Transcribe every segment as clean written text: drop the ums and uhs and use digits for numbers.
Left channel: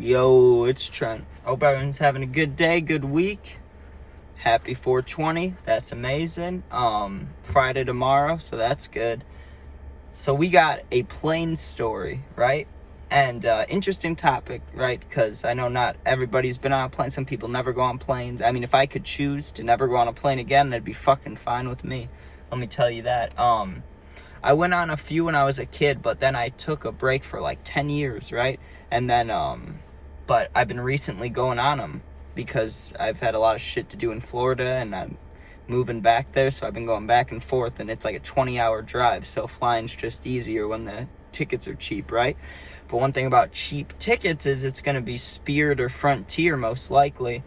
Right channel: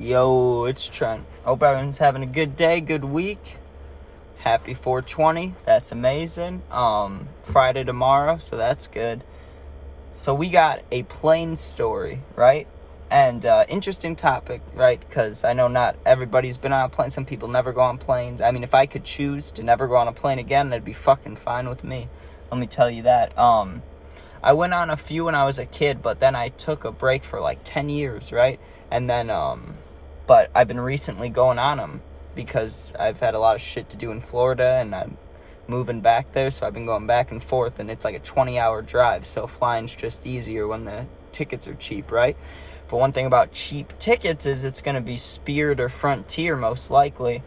Yo, it's Trent. Hope everyone's having a good day, good week. Happy 420. That's amazing. Friday tomorrow, so that's good. So we got a plane story, right? And interesting topic, right? Because I know not everybody's been on a plane. Some people never go on planes. I mean, if I could choose to never go on a plane again, that'd be fucking fine with me. Let me tell you that. I went on a few when I was a kid, but then I took a break for like 10 years, right? And then, but I've been recently going on them because I've had a lot of shit to do in Florida and I'm moving back there. So I've been going back and forth and it's like a 20-hour drive. So flying's just easier when the tickets are cheap, right? But one thing about cheap tickets is it's going to be Spirit or Frontier most likely.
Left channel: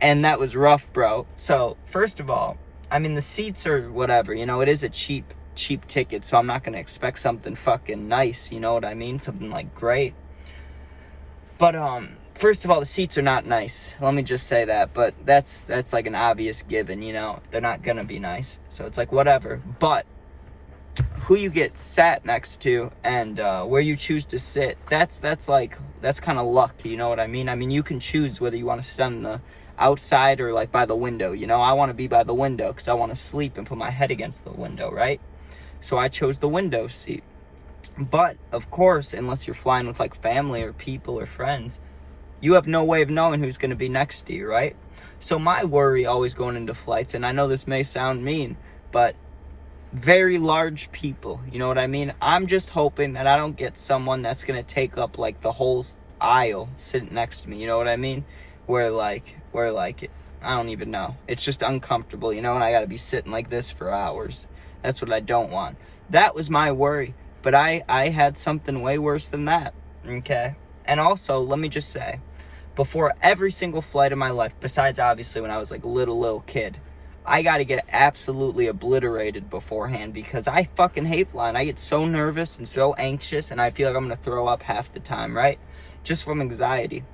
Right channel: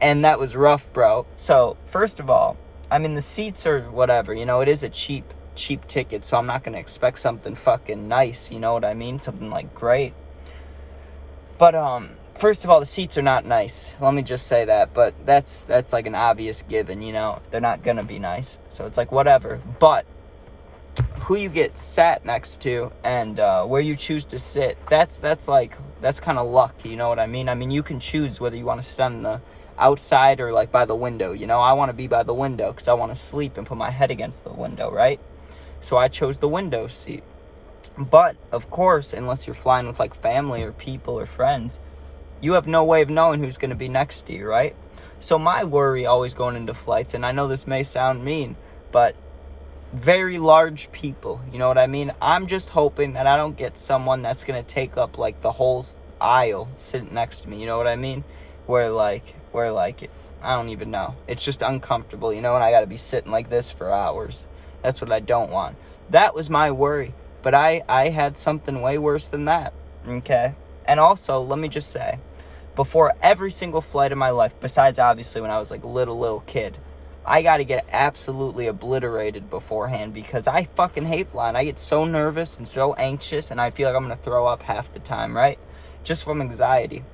And that was rough, bro. So first of all, I mean, the seats are whatever, it is a cheap ticket, so I'm not going to expect something fucking nice, you know what I mean? Something like great. But, first of all, the seats are not nice. Let me just say that, but that's like an obvious given, They're not going to be nice, so it's like whatever. But who you get sat next to and where you choose to sit, that's kind of luck, you know what I mean? I mean, you can choose whether you want to sit on the outside or like by the window, I want to be by the window because I want to sleep and put my head against the window, right? So I chose the window seat. But of course, unless you're flying with like family or people or friends, you have no way of knowing who's going to be next to you, right? So my worry always going into flights, and I know this may sound mean, but very large people, you know what I mean? I'm just hoping that I don't get someone that's going to take up like the whole aisle sitting next to me, you know what I mean? Where I don't even know. It's just uncomfortable, and I got to be sitting like this for hours. That's what I don't want. That was my worry. But I had something way worse than that, okay? And also, let me just say, before every single flight of my life, besides obviously when I was like a little kid, I got to get absolutely obliterated beforehand because I fucking hate flying. I get so nervous and so anxious, and I feel like I'm going to throw up half the time, right? Just from anxiety,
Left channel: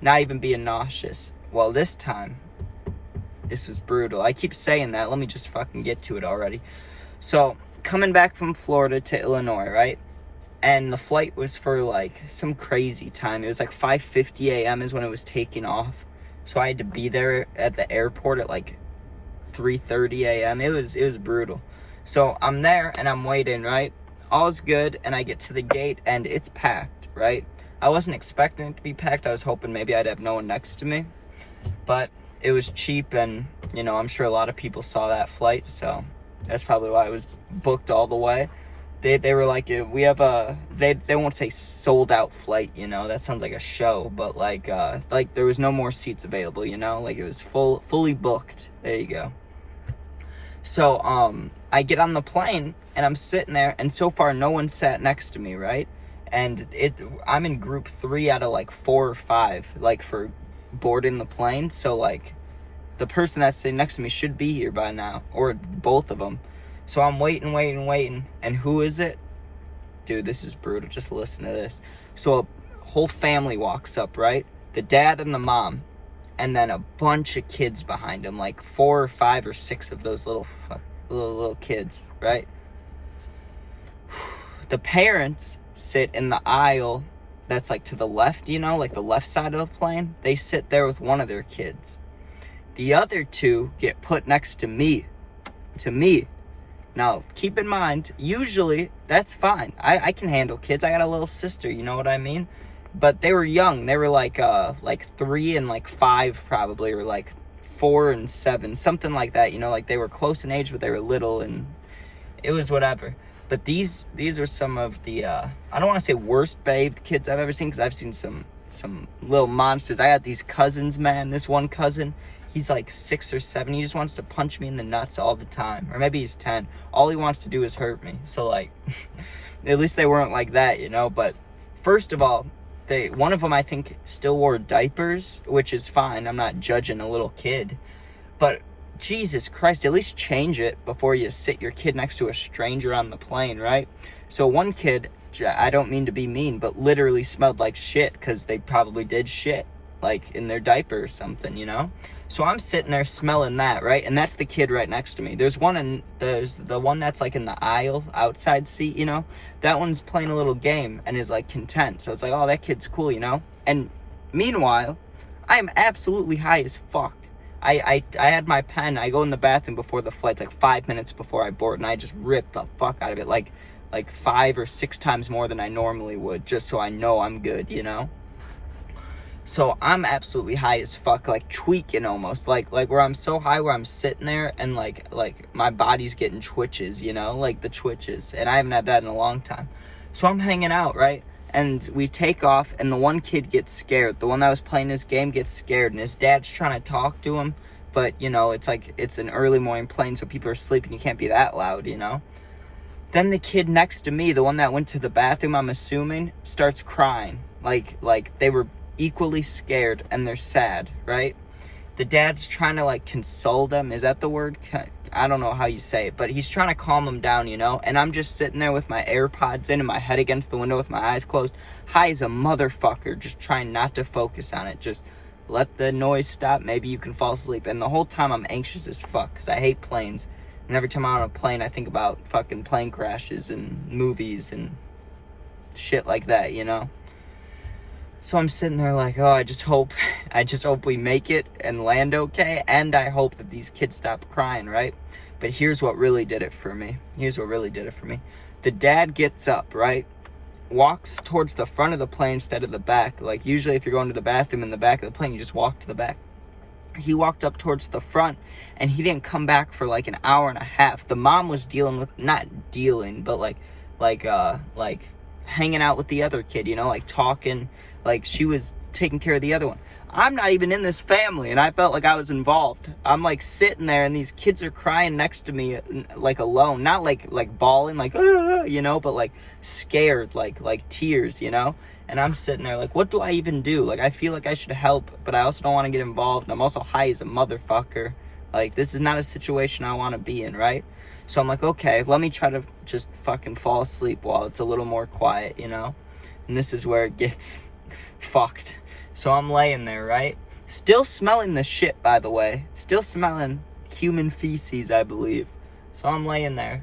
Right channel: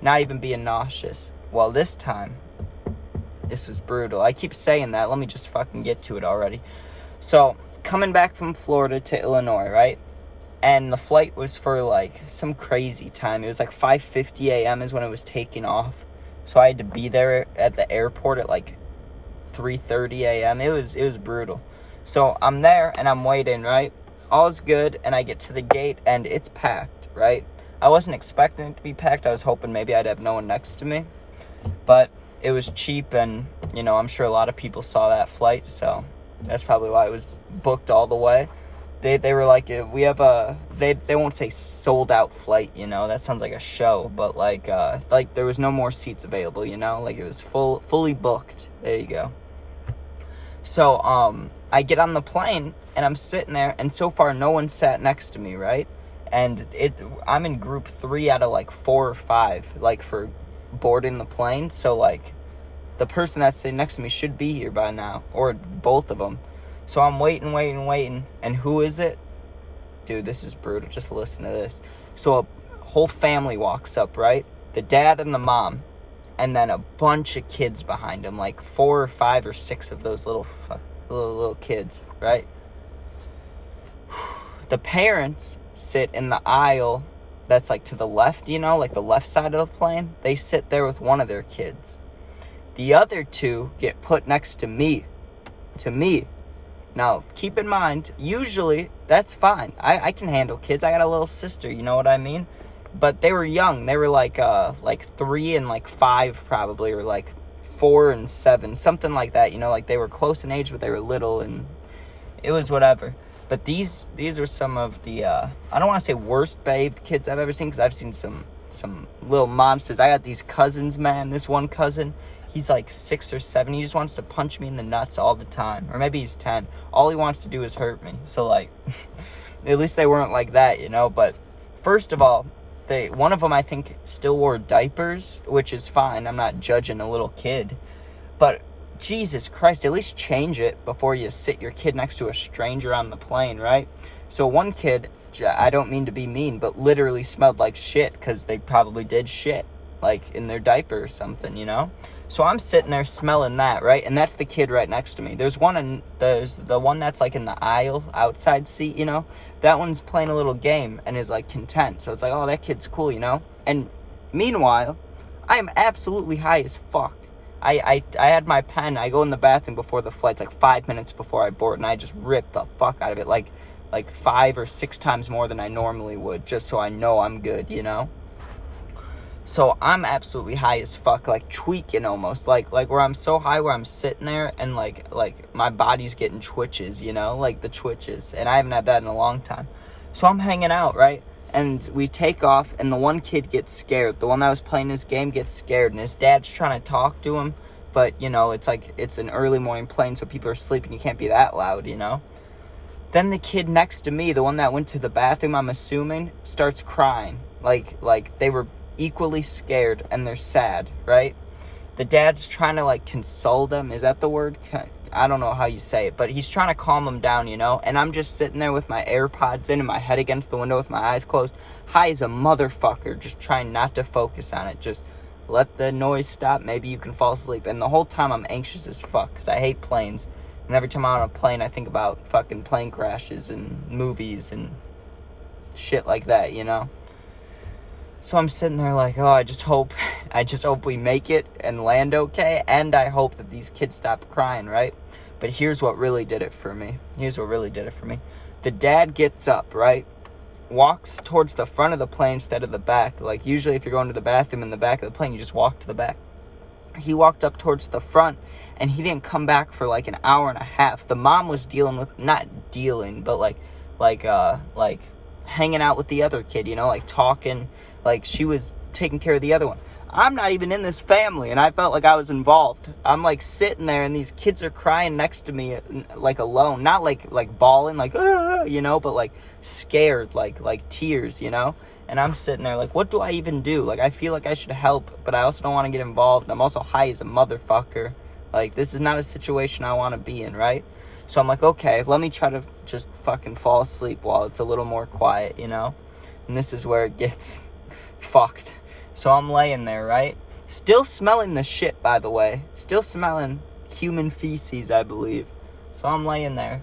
not even being nauseous. Well, this time, this was brutal. I keep saying that. Let me just fucking get to it already. So, coming back from Florida to Illinois, right? And the flight was for like some crazy time. It was like 5:50 a.m. is when it was taking off. So I had to be there at the airport at like 3:30 a.m. It was brutal. So I'm there and I'm waiting, right? All's good, and I get to the gate and it's packed, right? I wasn't expecting it to be packed. I was hoping maybe I'd have no one next to me. But it was cheap, and I'm sure a lot of people saw that flight, so that's probably why it was booked all the way. They were like, we have they won't say sold out flight, that sounds like a show, but like there was no more seats available, like it was fully booked. There you go. So I get on the plane and I'm sitting there, and so far no one sat next to me, right? And I'm in group 3 out of like 4 or 5, like for boarding the plane. So like the person that's sitting next to me should be here by now, or both of them. So I'm waiting, and who is it? Dude, this is brutal. Just listen to this. So a whole family walks up, right? The dad and the mom, and then a bunch of kids behind them, like 4 or 5 or 6 of those little kids, right? The parents sit in the aisle that's like to the left, like the left side of the plane. They sit there with one of their kids. The other 2 get put next to me. Now, keep in mind, usually that's fine. I can handle kids. I got a little sister, you know what I mean? But they were young. They were like 3 and like 5 probably, or like 4 and 7, something like that. Like they were close in age, but they were little, and it was whatever. But these are some of the I don't want to say worst behaved kids I've ever seen, because I've seen some little monsters. I got these cousins, man. This one cousin, he's like 6 or 7. He just wants to punch me in the nuts all the time. Or maybe he's 10. All he wants to do is hurt me. So, like, at least they weren't like that, But first of all, one of them, I think, still wore diapers, which is fine. I'm not judging a little kid. But Jesus Christ, at least change it before you sit your kid next to a stranger on the plane, right? So one kid, I don't mean to be mean, but literally smelled like shit because they probably did shit, like in their diaper or something, So I'm sitting there smelling that, right? And that's the kid right next to me. There's the one that's like in the aisle outside seat, you know? That one's playing a little game and is like content. So it's like, oh, that kid's cool, you know? And meanwhile, I am absolutely high as fuck. I had my pen. I go in the bathroom before the flight's like 5 minutes before I board, and I just rip the fuck out of it like 5 or 6 times more than I normally would, just so I know I'm good, you know? So I'm absolutely high as fuck, like tweaking almost, like where I'm so high where I'm sitting there and like my body's getting twitches, you know, like the twitches, and I haven't had that in a long time. So I'm hanging out, right? And we take off, and the one kid gets scared. The one that was playing his game gets scared, and his dad's trying to talk to him, but, you know, it's like, it's an early morning plane, so people are sleeping. You can't be that loud, you know? Then the kid next to me, the one that went to the bathroom, I'm assuming, starts crying. Like they were equally scared, and they're sad, right? The dad's trying to, like, console them. Is that the word? I don't know how you say it, but he's trying to calm them down, you know? And I'm just sitting there with my AirPods in and my head against the window with my eyes closed, high as a motherfucker, just trying not to focus on it. Just let the noise stop. Maybe you can fall asleep. And the whole time I'm anxious as fuck because I hate planes. And every time I'm on a plane, I think about fucking plane crashes and movies and shit like that, you know? So I'm sitting there like, oh, I just hope we make it and land okay, and I hope that these kids stop crying, right? But here's what really did it for me. The dad gets up, right? Walks towards the front of the plane instead of the back. Like, usually if you're going to the bathroom in the back of the plane, you just walk to the back. He walked up towards the front, and he didn't come back for like an hour and a half. The mom was not dealing, but like hanging out with the other kid, you know, like talking. Like, she was taking care of the other one. I'm not even in this family, and I felt like I was involved. I'm, like, sitting there, and these kids are crying next to me, like, alone. Not, like bawling, like, you know, but, like, scared, like tears, you know? And I'm sitting there, like, what do I even do? Like, I feel like I should help, but I also don't want to get involved. I'm also high as a motherfucker. Like, this is not a situation I want to be in, right? So I'm like, okay, let me try to just fucking fall asleep while it's a little more quiet, you know? And this is where it gets fucked. So I'm laying there, right? Still smelling the shit, by the way. Still smelling human feces, I believe. So I'm laying there.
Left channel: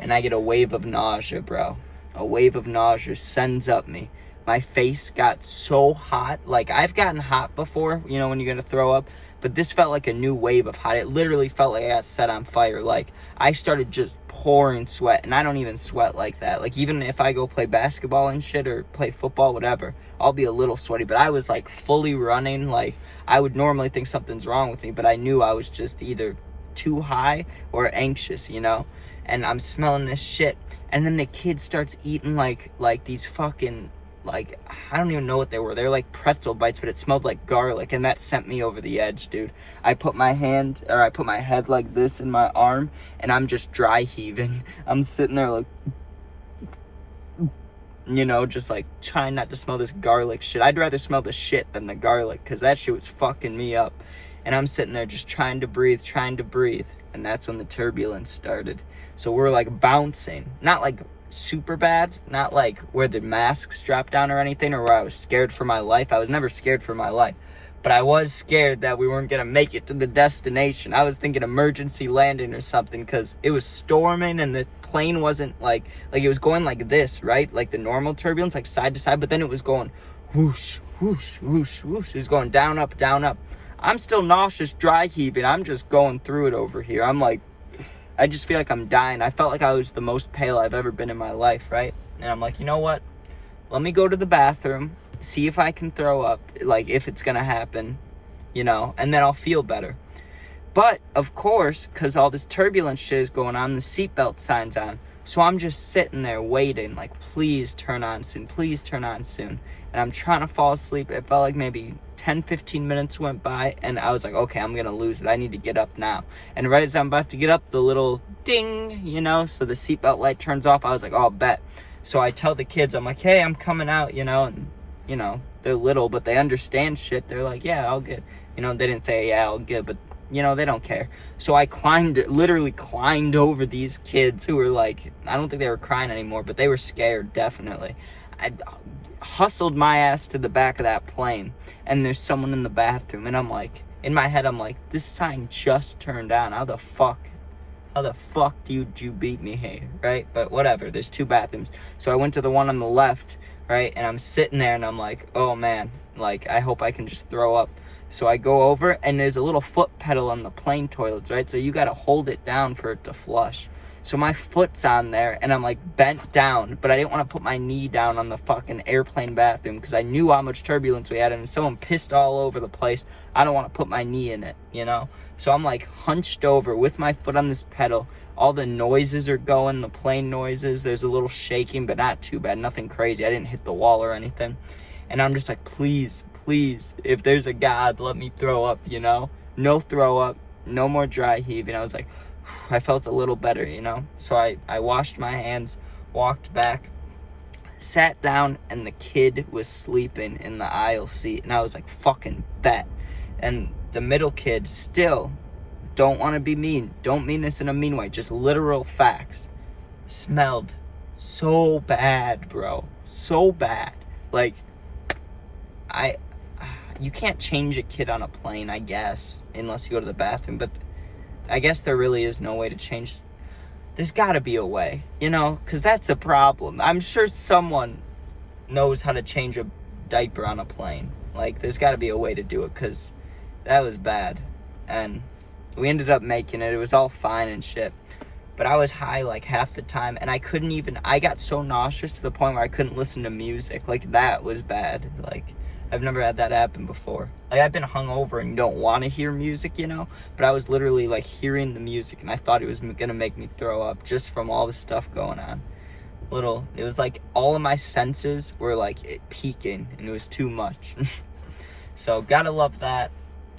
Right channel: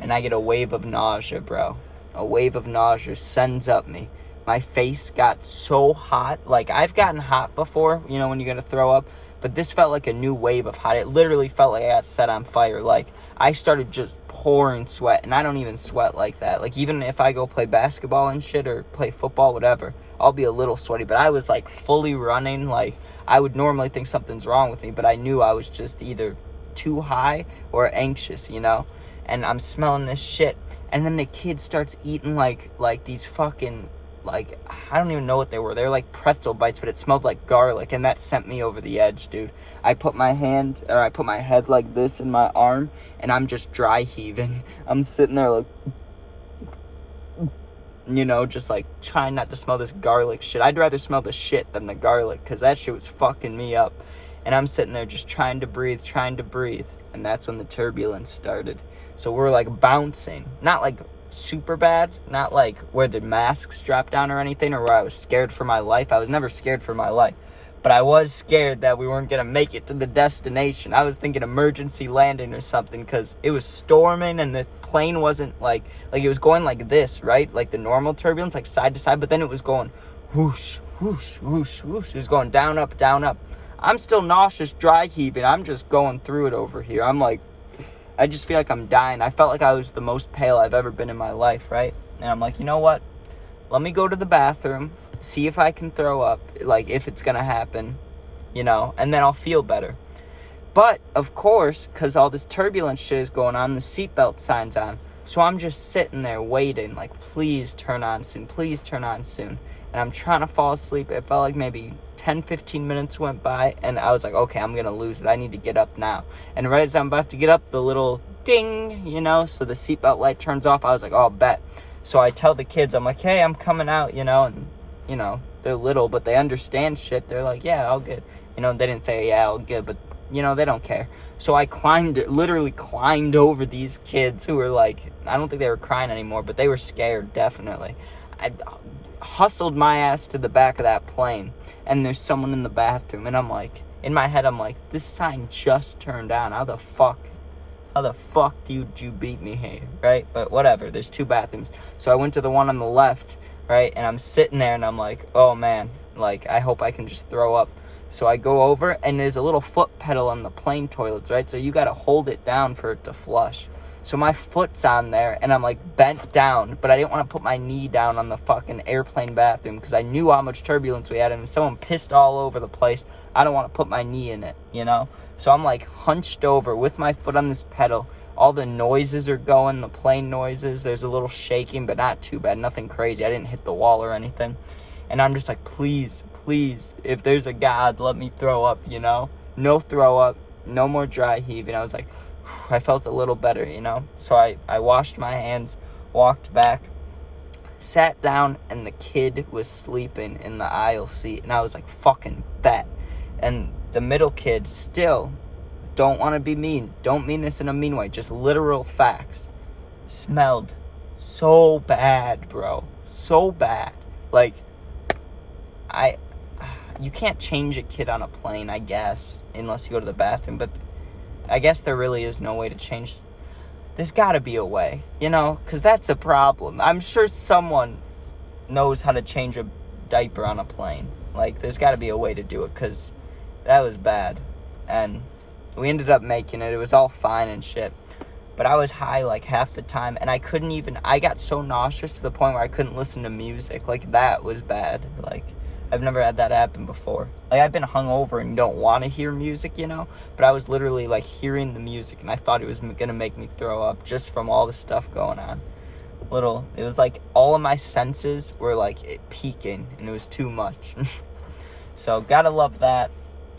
And I get a wave of nausea, bro. A wave of nausea sends up me. My face got so hot. Like, I've gotten hot before, you know, when you're gonna throw up. But this felt like a new wave of hot. It literally felt like I got set on fire. Like, I started just pouring sweat, and I don't even sweat like that. Like, even if I go play basketball and shit or play football, whatever, I'll be a little sweaty. But I was, like, fully running. Like, I would normally think something's wrong with me, but I knew I was just either too high or anxious, you know? And I'm smelling this shit. And then the kid starts eating, like these fucking, like, I don't even know what they were. They were like pretzel bites, but it smelled like garlic, and that sent me over the edge, dude. I put my head like this in my arm, and I'm just dry heaving. I'm sitting there like, you know, just like trying not to smell this garlic shit. I'd rather smell the shit than the garlic, because that shit was fucking me up. And I'm sitting there just trying to breathe. And that's when the turbulence started. So we're like bouncing, not like super bad, not like where the masks dropped down or anything, or where I was scared for my life. I was never scared for my life, but I was scared that we weren't gonna make it to the destination. I was thinking emergency landing or something, because it was storming and the plane wasn't like it was going like this, right? Like the normal turbulence, like side to side, but then it was going whoosh, whoosh, whoosh, whoosh. It was going down, up, down, up. I'm still nauseous, dry heaving. I'm just going through it over here. I'm like, I just feel like I'm dying. I felt like I was the most pale I've ever been in my life, right? And I'm like, you know what? Let me go to the bathroom, see if I can throw up, like, if it's gonna happen, you know, and then I'll feel better. But, of course, because all this turbulence shit is going on, the seatbelt sign's on. So I'm just sitting there waiting, like, please turn on soon. And I'm trying to fall asleep. It felt like maybe 10, 15 minutes went by, and I was like, okay, I'm gonna lose it. I need to get up now. And right as I'm about to get up, the little ding, you know, so the seatbelt light turns off. I was like, oh, bet. So I tell the kids, I'm like, hey, I'm coming out, you know, and, you know, they're little, but they understand shit. They're like, yeah, all good. You know, they didn't say, yeah, all good, but, you know, they don't care. So I literally climbed over these kids who were like, I don't think they were crying anymore, but they were scared, definitely. I hustled my ass to the back of that plane, and there's someone in the bathroom, and I'm like, in my head, I'm like, this sign just turned on. How the fuck did you beat me here, right? But whatever, there's 2 bathrooms. So I went to the one on the left, right? And I'm sitting there, and I'm like, oh man, like, I hope I can just throw up. So I go over, and there's a little foot pedal on the plane toilets, right? So you gotta hold it down for it to flush. So my foot's on there, and I'm like bent down, but I didn't want to put my knee down on the fucking airplane bathroom because I knew how much turbulence we had, and if someone pissed all over the place, I don't want to put my knee in it, you know? So I'm like hunched over with my foot on this pedal. All the noises are going, the plane noises. There's a little shaking, but not too bad, nothing crazy. I didn't hit the wall or anything. And I'm just like, please, if there's a God, let me throw up, you know? No throw up, no more dry heaving. I was like, I felt a little better, you know? So I washed my hands, walked back, sat down, and the kid was sleeping in the aisle seat. And I was like, fucking bet. And the middle kid still, don't want to be mean. Don't mean this in a mean way. Just literal facts. Smelled so bad, bro. So bad. Like, you can't change a kid on a plane, I guess, unless you go to the bathroom. But I guess there really is no way to change. There's got to be a way, you know, because that's a problem. I'm sure someone knows how to change a diaper on a plane. Like, there's got to be a way to do it, because that was bad. And we ended up making it. It was all fine and shit. But I was high, like, half the time, and I got so nauseous to the point where I couldn't listen to music. Like, that was bad. Like, I've never had that happen before. Like, I've been hungover and don't want to hear music, you know? But I was literally, like, hearing the music, and I thought it was going to make me throw up just from all the stuff going on. It was like all of my senses were, like, peaking, and it was too much. So, gotta love that.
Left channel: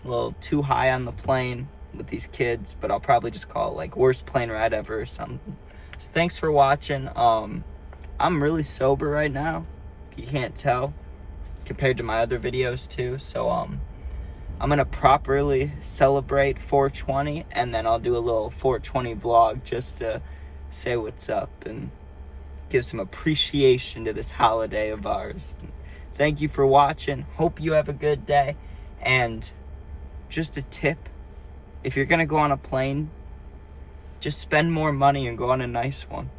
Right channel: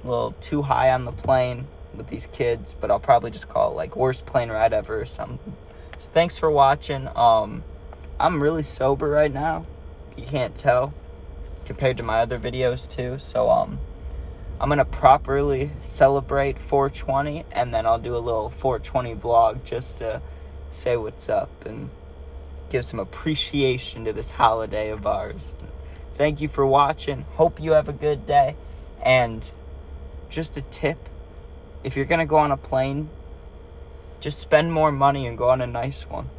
A little too high on the plane with these kids, but I'll probably just call it, like, worst plane ride ever or something. So, thanks for watching. I'm really sober right now. You can't tell, compared to my other videos too. So I'm gonna properly celebrate 420, and then I'll do a little 420 vlog just to say what's up and give some appreciation to this holiday of ours. Thank you for watching. Hope you have a good day. And just a tip, if you're gonna go on a plane, just spend more money and go on a nice one.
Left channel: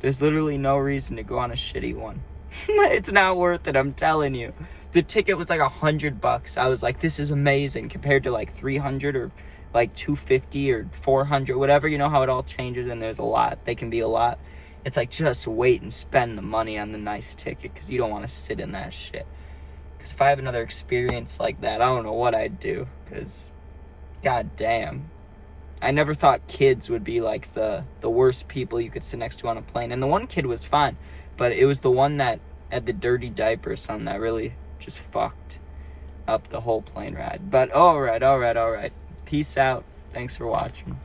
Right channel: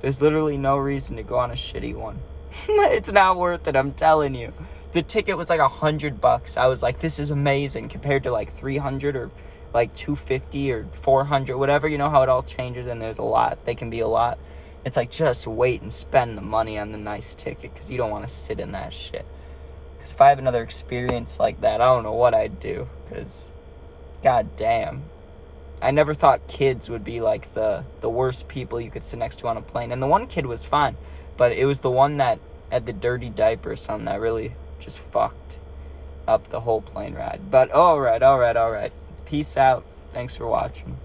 There's literally no reason to go on a shitty one. It's not worth it, I'm telling you. The ticket was like $100. I was like, this is amazing, compared to like $300 or like $250 or $400, whatever. You know how it all changes, and there's a lot. They can be a lot. It's like, just wait and spend the money on the nice ticket, because you don't want to sit in that shit. Because if I have another experience like that, I don't know what I'd do, because god damn. I never thought kids would be like the worst people you could sit next to on a plane. And the one kid was fine, but it was the one that had the dirty diaper or something that really just fucked up the whole plane ride. But all right. Peace out. Thanks for watching.